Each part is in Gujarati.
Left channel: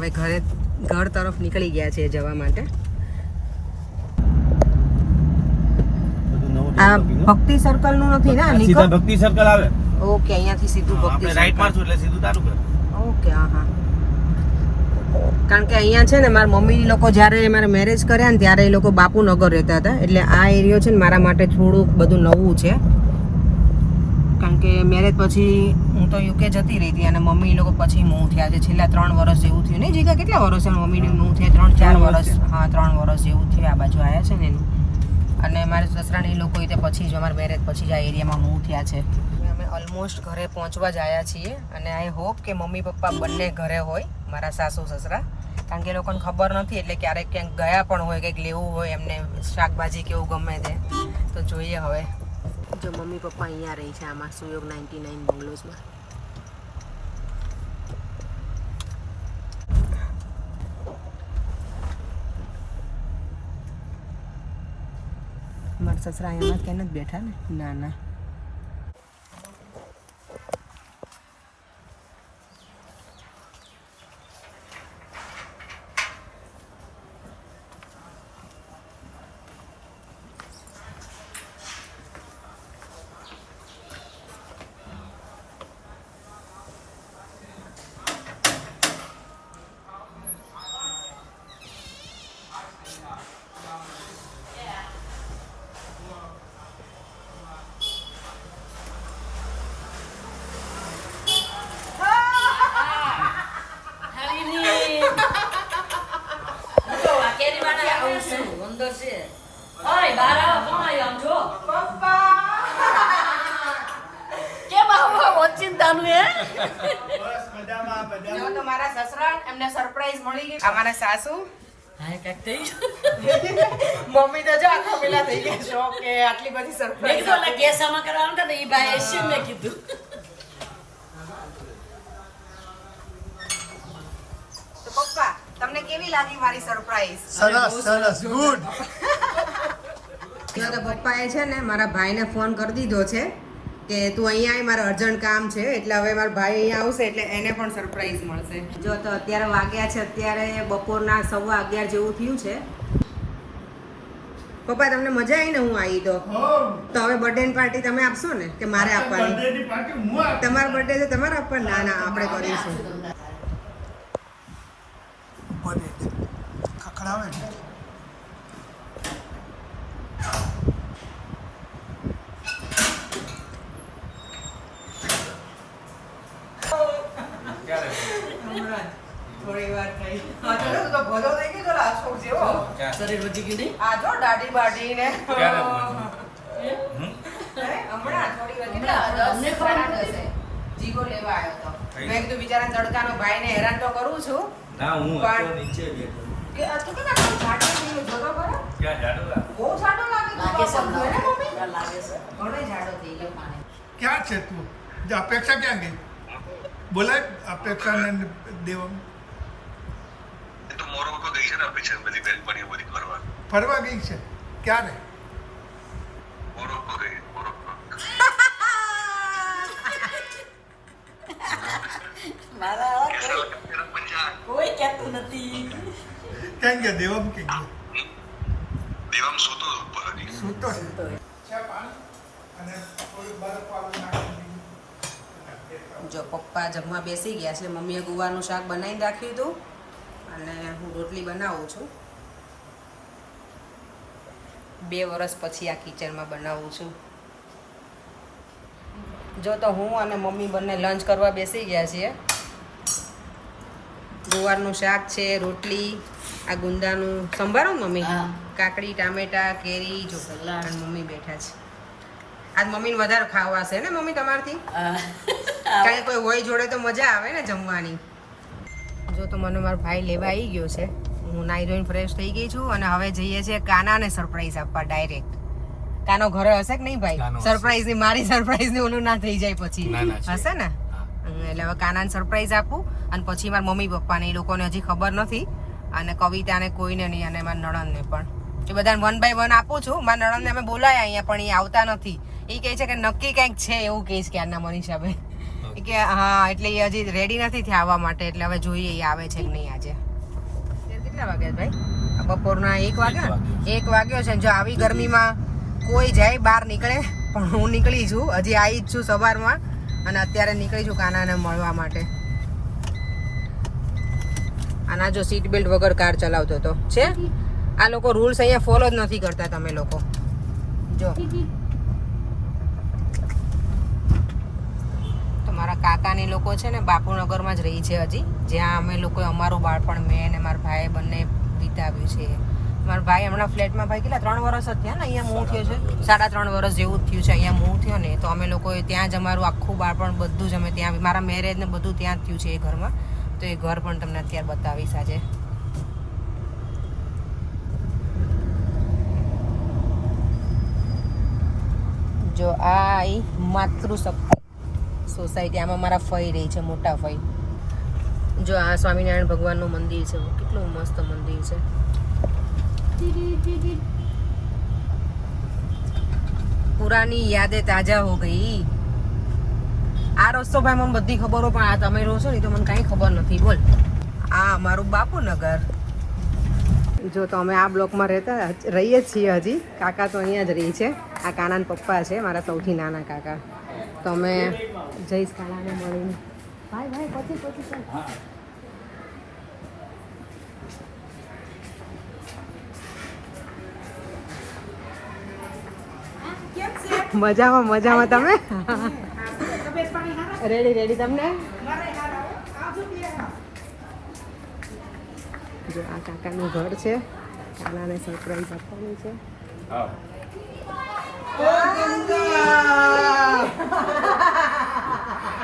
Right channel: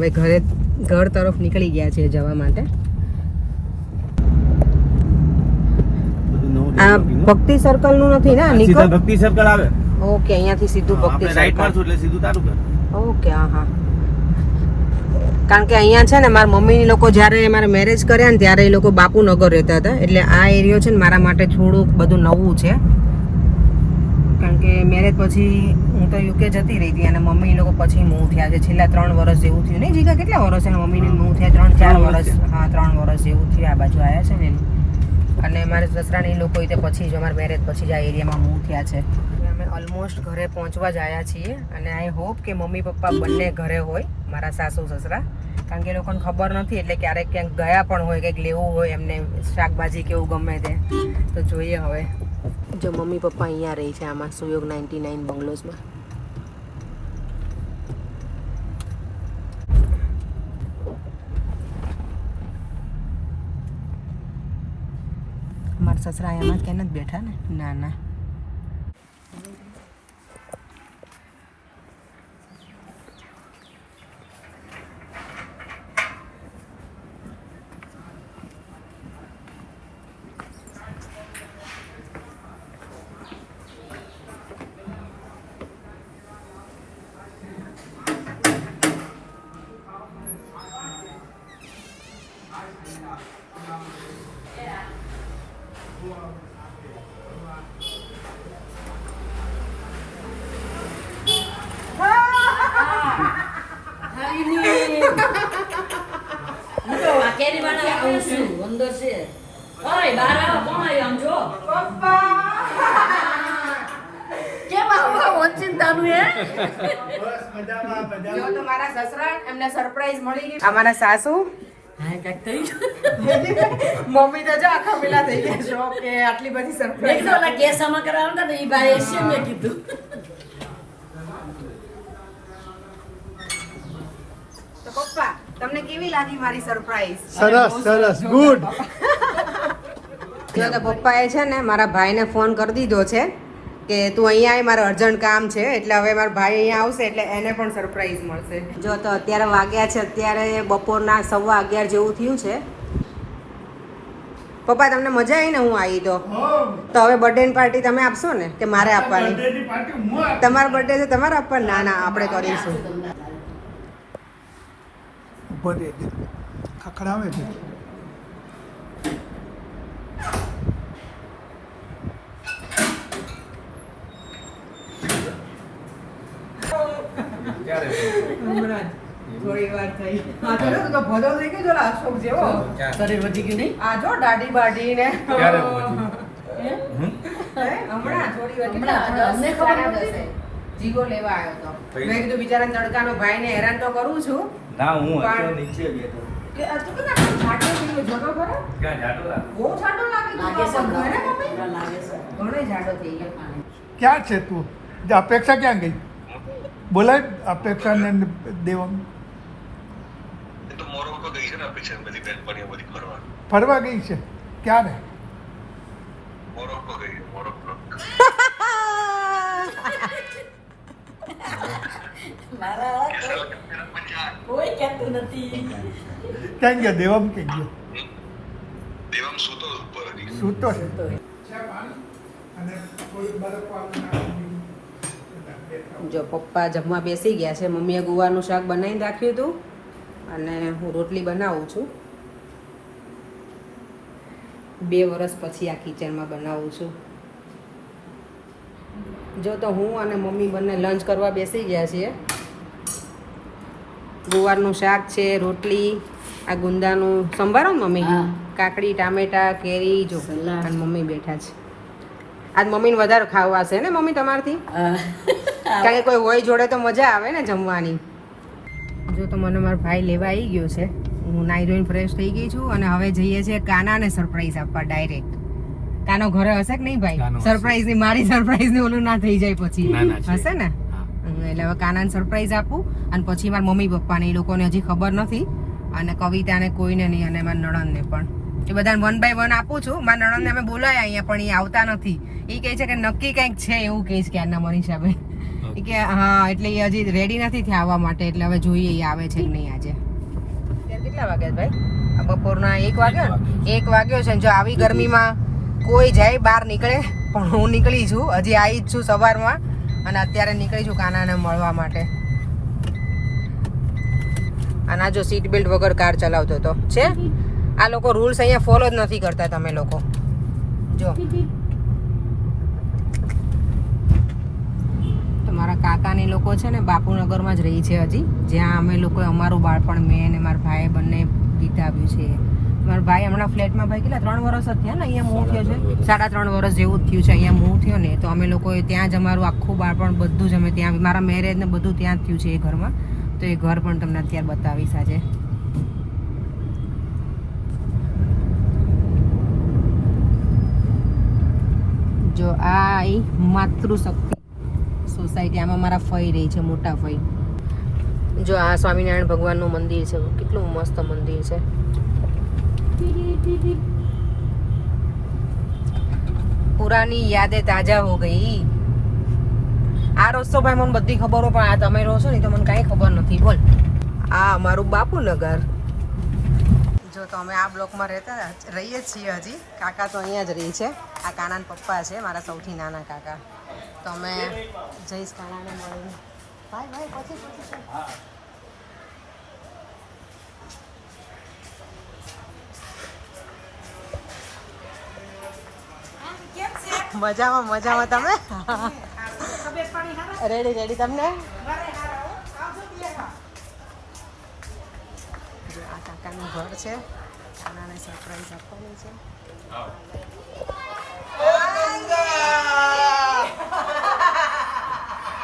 હવે ઘર તરફ નીકળી ગયા છે જવા માટે. આ ભક્તિ સર્કલ નું નથી ને? સીધા ભક્તિ સર્કલ આવે. ઓકે, અહીંયાથી સીધું ભક્તિ રાઈટ સર્કલ. માં છું એટલે સીધું તારું કર. ઓકે, હા. કારણ કે અહીંયા છે ને મારા મમ્મી લોકો જ્યારે મારા મેરેજ કર્યા ને ત્યારે એ લોકો બાપુનગર રહેતા હતા, એટલે આ એરિયો છે ને મારા માટે થોડું બધું નવું છે. કારણ કે મેરેજ પછી હું તો યુકે જતી રહી હતી અને મમ્મી લોકો પછી મૂવ થયા છે. છેલ્લા 3 વર્ષ જેવું થયું નહીં જીગા? કેટલા વર્ષ મમ્મીની મૂવ થયા? 3-4 વર્ષ. હા, 3 વર્ષ જેવું થયું આ બાજુ આવ્યા છે ને એનું. અને મારા સસરાને એ લોકો પછી જ અમારા મેરેજ પછી જ આ એરિયામાં મૂવ થયા છે. અમે ઓલમોસ્ટ ઘરે પહોંચવા જ આવ્યા છીએ અને આઈ હોપ કે મમ્મી પપ્પા બંને ઘરે હોય, મારા સાસુ સસરા. કારણ કે એ લોકોને ખબર નથી, એટલે ક્યારેક ક્યાંક ગયા પણ હોય, કંઈક લેવું હોય એમને શાકભાજી કેવું ગમે તે. તો જોઈએ હવે. જો મમ્મી પપ્પા અહીંયા રહી છે આમાં સુયોગ 99 બંગલોઝમાં. મારા સસરા એમ કે નથી બેઠા ને? ના ના. અમારા સાસુ મમ્મી તો જો આખા પેલા થઈ ગયા છો કે આટલી બધી સરપ્રાઈઝ કેસમાં કરાવતા ને એ ભાઈ એસી મેં કીધું. તો પપ્પા તમને કેવી લાગી મારી સરપ્રાઈઝ? સરસ ગુડ. તો પપ્પાએ છે ને મારા ભાઈને ફોન કરી દીધો છે કે તું અહીંયા આય, મારે અર્જન્ટ કામ છે. એટલે હવે મારા ભાઈ અહીંયા આવશે એટલે એને પણ સરપ્રાઈઝ મળશે. જો તો અત્યારે વાગ્યા છે, અત્યારે બપોરના 11:15 જેવું થયું છે. પપ્પા તમને મજા આવી ને હું આવી તો હવે બર્થડે ની પાર્ટી તમે આપશો ને કે મારે આપવાની? તમારો બર્થડે છે તમારે આપવાની? ના ના, આપણે કરીશું. ખખડાવે છે. થોડી વાર થઈ. આ તો તું તો ભલો થઈ ગયો જોલા અશોક જેવો. શરીર વધી ગયું નહીં? આ જો દાઢી બાઢી ને ક્યારે હમણાં થોડી વાર અમને ખબર નથી. જીગો લેવા આવ્યો તો. મેં કીધું બિચારા તડકાનો ભાઈને હેરાન તો કરું છું. ના, હું અહીંયા નીચે ગયો કે તું કેટલા છાંટો છું જોતો બરાબર? ક્યાં જાડો લાગે? બહુ છાંટો લાગે તું. લાગે છે. ઘરે મમ્મી ઘણો જાડો થઈ ગયો. ક્યાં છે તું? અપેક્ષા ક્યાં ગઈ? બોલાય અપેક્ષા ને દેવમ. તો મોરોક્કો ગઈ છે ને અપેક્ષા બધી બેનપણીઓ બધી ફરવા ગઈ છે? ક્યારે? મોરોક્કો ગઈ છે, મોરોક્કો. મારા કેસા લગા તેરા મજાક. કોઈ કહેતું નથી. ક્યાં ગયા? દેવમ કે ગયા? દેવામ સૂતો ઉપર હતી. સૂતો છે. અને કોઈ બરફ જો પપ્પા જમવા બેસી ગયા છે. મમ્મીએ ગુવારનું શાક બનાવીને રાખ્યું હતું અને હું રોટલી બનાવું છું. 2 વર્ષ પછી આ કિચનમાં બનાવું છું. જો તો હું અને મમ્મી બંને લંચ કરવા બેસી ગયા છીએ. ગુવારનું શાક છે, રોટલી, આ ગુંદાનું સંભારો મમ્મી, કાકડી, ટામેટા, કેરી, જો અને મમ્મી બેઠા છે. આજ મમ્મીને વધારે ખાવા છે ને મમ્મી તમારથી? કારણ કે કોઈ હોય જોડે તો મજા આવે ને જમવાની. જો તો મને મારો ભાઈ લેવા આવી ગયો છે. હું નાઈ ધોઈને ફ્રેશ થઈ ગઈ છું અને હવે જઈએ છીએ કાનાને સરપ્રાઈઝ આપવા ડાયરેક્ટ. કાનો ઘરે હશે કે નહીં ભાઈ? સરપ્રાઈઝ ની મારી સરપ્રાઈઝ ની ઓલું ના થઈ જાય પછી હશે ને? એટલે હવે કાનાને સરપ્રાઈઝ આપું અને પછી મારા મમ્મી પપ્પાને એ લોકોને હજી ખબર નથી અને કવિતાને કોઈને નહીં અને મારા નણંદને પણ. એ બધાને 1 by 1 આપું છું. મારા નણંદને અમે બોલાયા અહીંયા પણ એ આવતા નથી. એ કહે છે કે નક્કી કંઈક છે એવું કહે છે કે આના મનીષાભાઈ. એ કે હા એટલે એ હજી રેડી નથી થયા આવવા માટે, એટલે હવે જોઈએ એ આવે છે કે નહીં આજે. કેટલા વાગ્યા ભાઈ? બપોરના 1 વાગ્યા. 1 વાગ્યો છે. જો આવી ગરમીમાં કોઈ જાય બહાર નીકળે, પણ હું નીકળી છું. હજી આવી જ છું સવારમાં અને અત્યારે નીકળી છું કાનાને મળવા માટે. આના જો સીટ બેલ્ટ વગર કાર ચલાવતો હતો છે. આ લોકો રૂલ્સ અહીંયા ફોલો જ નથી કરતા. તમે લોકો જો કાકાની લોકો છે ને બાપુનગરમાં જ રહી છે હજી, જ્યાં અમે લોકો અમારું બાળપણ મેં અને મારા ભાઈએ બંને વિતાવ્યું છે. મારા ભાઈ હમણાં ફ્લેટમાં ભાઈ કેટલા 3 વર્ષ જ થયા ને અહીંયા મૂવ થયો છે, 3.5 વર્ષ જેવું જ થયું છે અહીંયા મૂવ થયો ને. તો અમે લોકોએ ત્યાં જ અમારું આખું બાળપણ બધું જ અમે ત્યાં, મારા મેરેજ ને બધું ત્યાં જ થયું છે એ ઘરમાં. તો એ ઘર પણ તમને અત્યારે બતાવીશ આજે. જો આ માતૃશક્તિ સોસાયટી, આમાં મારા ફઈ રહી છે, મોટા ફઈ. જો આ સ્વામિનારાયણ ભગવાનનું મંદિર છે, કેટલું મસ્ત મંદિર છે. પુરાની યાદેं તાજા હો ગઈ. આ રસ્તો ભાઈ મને બધી ખબર હોય, પણ આ તમે રહો છો ને તો મને કાંઈ ખબર નથી. બોલ, આ અમારું બાપુનગર. જો તો અમે આ બ્લોકમાં રહીએ છીએ હજી. કાકા તો અહીંયા જ રહી છે. આ કાનાના પપ્પા છે, મારા સૌથી નાના કાકા. તો અમે જઈશ કાનાને મળીને. ભાઈ પછી ચાલ. મજામાં તમે? રેડી તમને? જો આ કાકાનું ઘર છે, કાનાને સરપ્રાઈઝ આપવાની છે.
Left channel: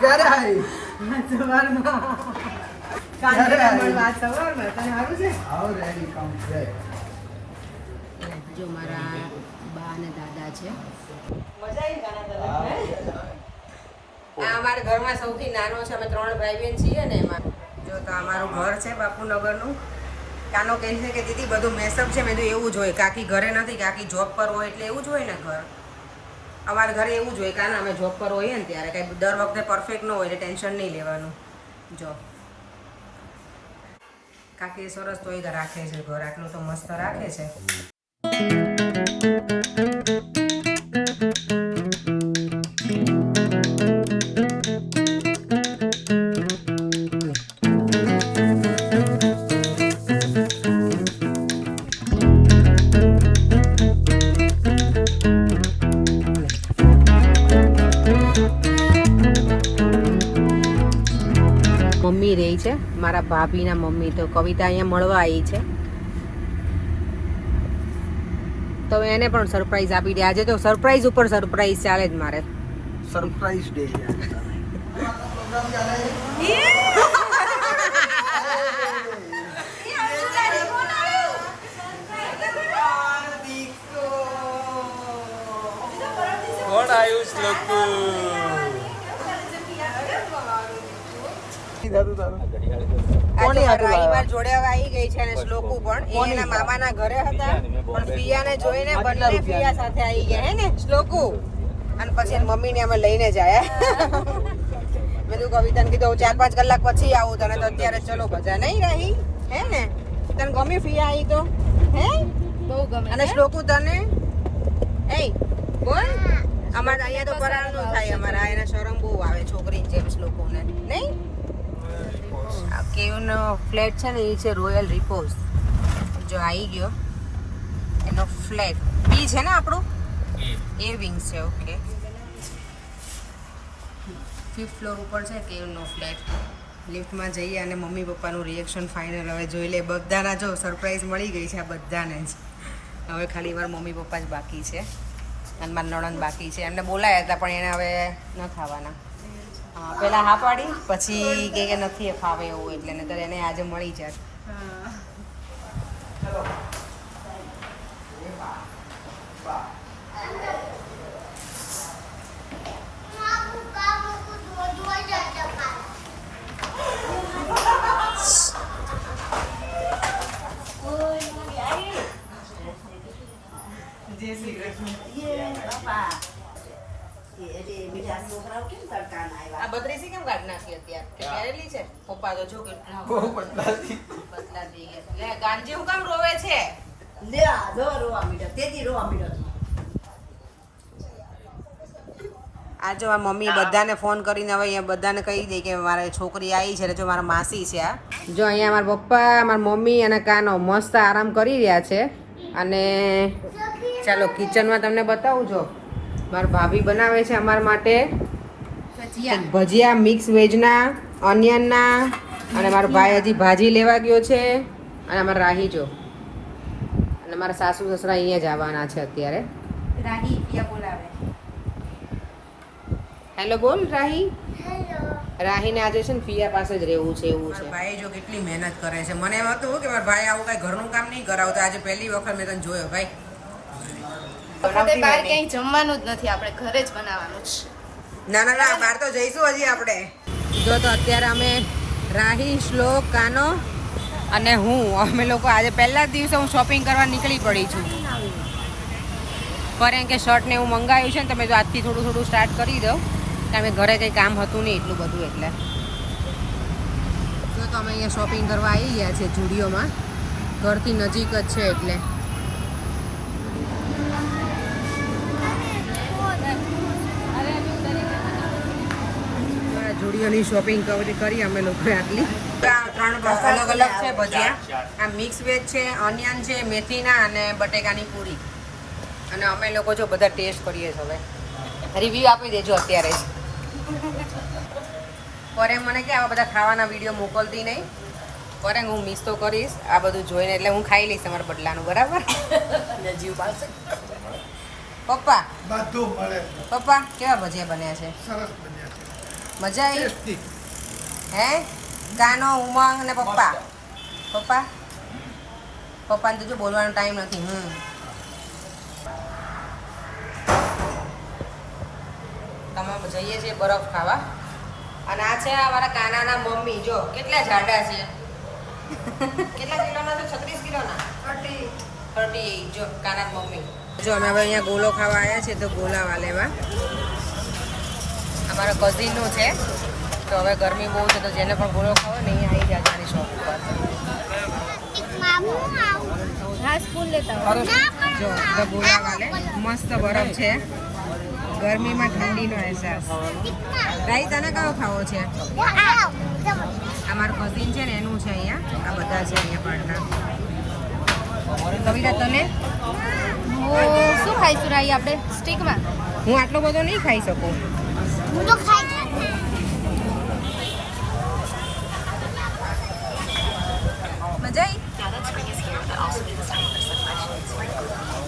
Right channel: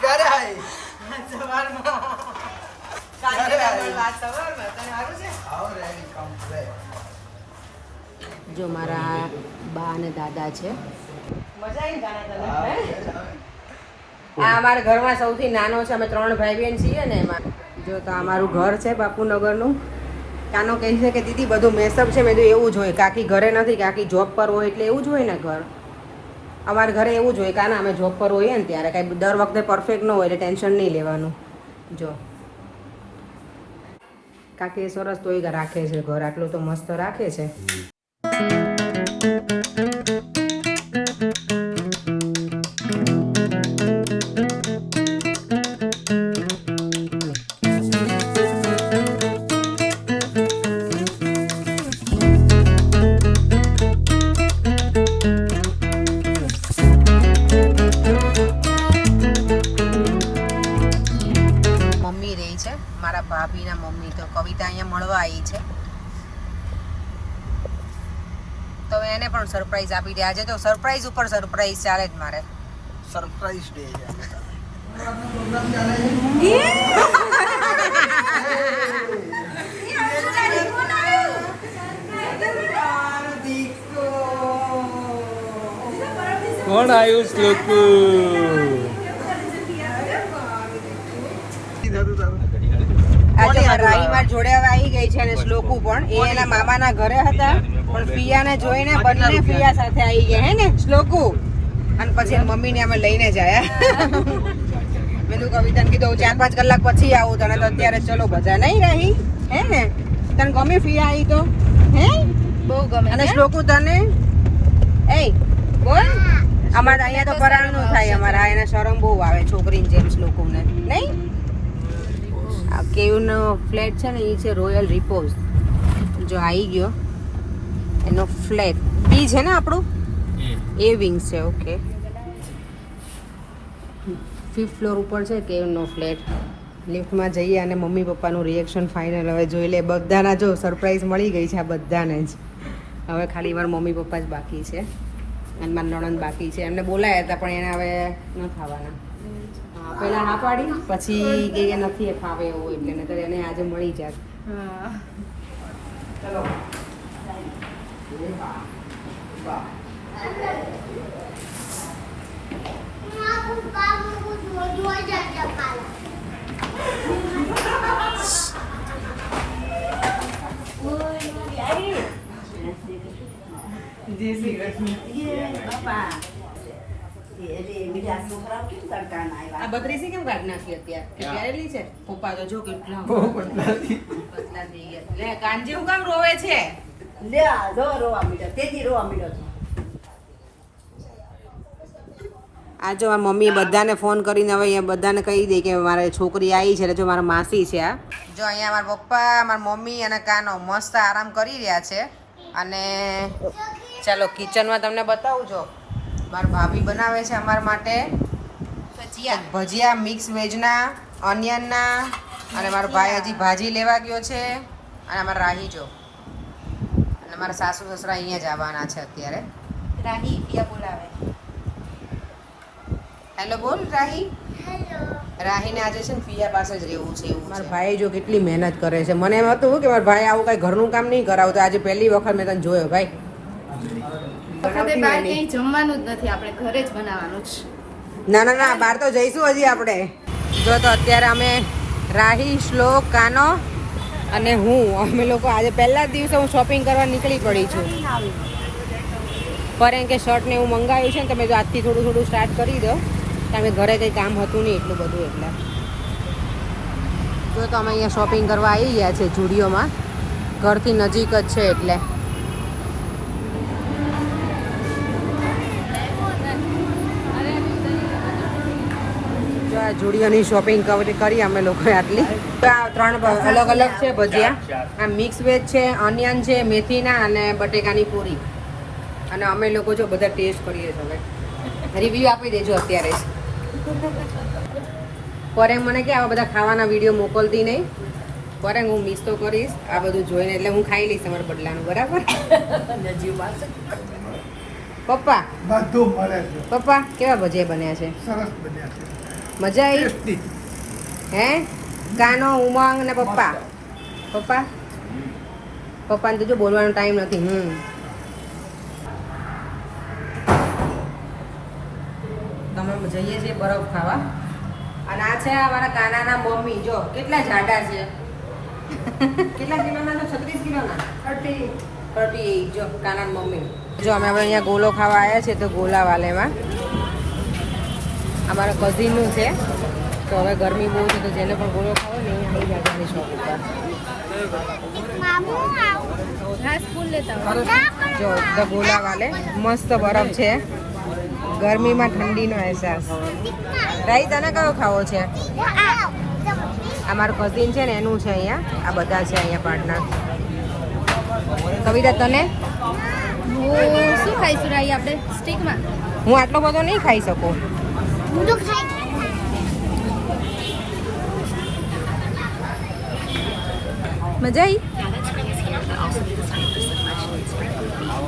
ક્યારે આવી? જો મારા બા અને દાદા છે. આ અમારા ઘરમાં સૌથી નાનો છે. અમે 3 ભાઈ બહેન છીએ ને એમાં. જો તો અમારું ઘર છે બાપુનગરનું. કાનો કહે છે કે દીદી બધું મેસઅપ છે. મેં તો એવું જ હોય, કાકી ઘરે નથી, કાકી જોબ પર હોય એટલે એવું જ હોય ને ઘર. અમારા ઘરે એવું જ હોય. કાના અમે જોબ પર હોઈએ ને ત્યારે કાંઈ દર વખતે પરફેક્ટ ન હોય એટલે ટેન્શન નહીં લેવાનું. જો કાકી સરસ તોય રાખે છે ઘર, આટલું તો મસ્ત રાખે છે. મમ્મી રહી છે, મારા ભાભીના મમ્મી. તો કવિતા અહીંયા મળવા આવી છે, તો એને પણ સરપ્રાઈઝ આપી દે. આજે તો સરપ્રાઈઝ ઉપર સરપ્રાઈઝ ચાલે જ મારે. સરપ્રાઈઝ ડે છે. કોણ આવ્યું શ્લોક? આજે રાઈ માર જોડે હવે આવી ગઈ છે અને શ્લોકુ પણ. એ એના મામાના ઘરે હતા, પણ ફિયાને જોઈને બંને ફિયા સાથે આવી ગયા હે ને શ્લોકુ. અને પછી મમ્મીને અમે લઈને જ આયા. મેં કવિતાને કીધું 4-5 કલાક પછી આવું, તને તો અત્યારે ચલો બધા નહીં રહી હે ને. તને ગમી ફિયા આવી તો હે? બહુ ગમે. અને શ્લોકુ તને? એ બોલ. અમારે અહીંયા તો પરાણનું થાય. અમારા એને શરમ બહુ આવે છોકરીને જેમ શ્લોકુને, નહીં? આ કેવનો ફ્લેટ છે ને એ છે રોયલ રિપોઝ. જો આવી ગયો એનો ફ્લેટ. બી છે ને આપણું એ વિંગ છે. ઓકે, 5th ફ્લોર ઉપર છે કેવનો ફ્લેટ. લિફ્ટમાં જઈએ અને મમ્મી પપ્પાનું રિએક્શન ફાઇનલ હવે જોઈ લે. બધાના જો સરપ્રાઈઝ મળી ગઈ છે આ બધાને જ. હવે ખાલી વાર મમ્મી પપ્પા જ બાકી છે અને મારા નણંદ બાકી છે. એમને બોલાયા હતા પણ એને હવે ન થવાના. હા, પેલા હા પાડી પછી કે નથી ફાવે એવું, એટલે ને તો એને આજે મળી જાત. એટલે બીજા છોકરાઓ કેમ કરતા ના આ આવ્યા બત્રીસી કેમ કાઢી નાખી અત્યારે કે પહેરેલી છે પપ્પા તો જો કેટલા બહુ પતલા પતલા થઈ ગયા લે કાંજી હું કામ રોવે છે લે આ જો રોવા મીઠો તેથી રોવા મીઠો આ જો આ મમ્મી બધાને ફોન કરીને હવે અહીંયા બધાને કહી દે કે મારી છોકરી આવી છે એટલે જો મારા માસી છે આ જો અહીંયા મારા પપ્પા મારા મમ્મી અને કાનો મસ્ત આરામ કરી રહ્યા છે અને ચાલો કિચનમાં તમને બતાવું છો મારા ભાભી બનાવે છે અમારા માટે ભજીયા મિક્સ વેજના ઓનિયનના અને મારો ભાઈ હજી ભાજી લેવા ગયો છે અને અમારા રાહી જો અને મારા સાસુ સસરા અહીંયા જ આવવાના છે અત્યારે રાહી પિયા બોલાવે હેલો બોલ રાહી રાહીને આજે છે ને પિયા પાસે જ રહેવું છે એવું મારા ભાઈ જો કેટલી મહેનત કરે છે મને એમ હતું કે મારા ભાઈ આવું કઈ ઘરનું કામ નહીં કરાવતો આજે પહેલી વખત મેં તને જોયો ભાઈ આપણે બહાર ક્યાંય જમવાનું જ નથી આપણે ઘરે જ બનાવવાનું છે ના ના ના બહાર તો જઈશું હજી આપણે જો તો અત્યારે અમે રાહી શ્લોક કાનો અને અમે લોકો આજે પહેલા જ દિવસે હું શોપિંગ કરવા નીકળી પડી છું પર એમ કે શર્ટ ને એવું મંગાવ્યું છે ને તમે જો આજથી થોડું થોડું સ્ટાર્ટ કરી દો કારણ કે ઘરે કંઈ કામ હતું નહીં એટલું બધું એટલે જો તો અમે અહીંયા શોપિંગ કરવા આવી ગયા છે જુડિયોમાં ઘરથી નજીક જ છે એટલે જુડિયોની શોપિંગ કરી અમે લોકોએ આટલી આ 3 અલગ અલગ છે ભજીયા આ મિક્સ વેજ છે ઓનિયન છે મેથીના અને બટેકાની પૂરી અને અમે લોકો જો બધા ટેસ્ટ કરીએ છીએ હવે રિવ્યૂ આપી દેજો અત્યારે જ પર એમ મને કે આવા બધા ખાવાના વિડીયો મોકલતી નહીં પર એમ હું મિસ તો કરીશ આ બધું જોઈને એટલે હું ખાઈ લઈશ તમારા બદલાનું બરાબર પપ્પા બધું મળે છે પપ્પા કેવા ભજીયા બન્યા છે સરસ બન્યા છે મજા આવી હે કાનો ઉમંગ ને પપ્પા પપ્પાને તો જો બોલવાનો ટાઈમ નથી તમે જઈએ છીએ બરફ ખાવા અને આ છે અમારા કાનાના મમ્મી જો કેટલા જાડા છે કેટલા કિલોના તો 36 કિલોના 38 જો કાના મમ્મી જો અમે હવે અહીંયા ગોલો ખાવા આવ્યા છે તો ગોલા વાલેમાં અમારા કઝિનનું છે તો હવે ગરમી બહુ છે તો જેને પણ ગોળો ખાવો ને અહીંયા આવી જાય આની શોપ ઉપર જો તો ગોલા વાલે મસ્ત બરફ છે ગરમીમાં ઠંડીનો અહેસાસ રાઈ તને કયો ખાવો છે અમારું કઝિન છે ને એનું છે અહીંયા આ બધા છે અહીંયા પાર્ટનર કવિતા તને શું ખાઈશું રાહી આપણે સ્ટીકમાં હું આટલો બધો નહીં ખાઈ શકું મજા આવી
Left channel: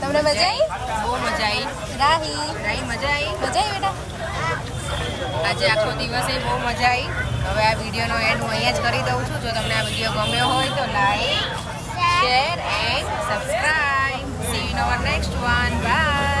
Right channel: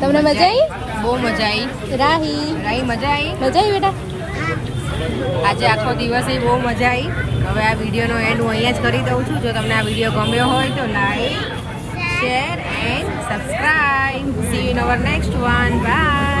તમને મજા આવી બહુ મજા આવી રાહી મજા આવી બેટા આજે આખો દિવસ બહુ મજા આવી હવે આ વિડીયોનો એન્ડ હું અહીંયા જ કરી દઉં છું જો તમને આ વિડીયો ગમ્યો હોય તો like share and subscribe see you in our next one by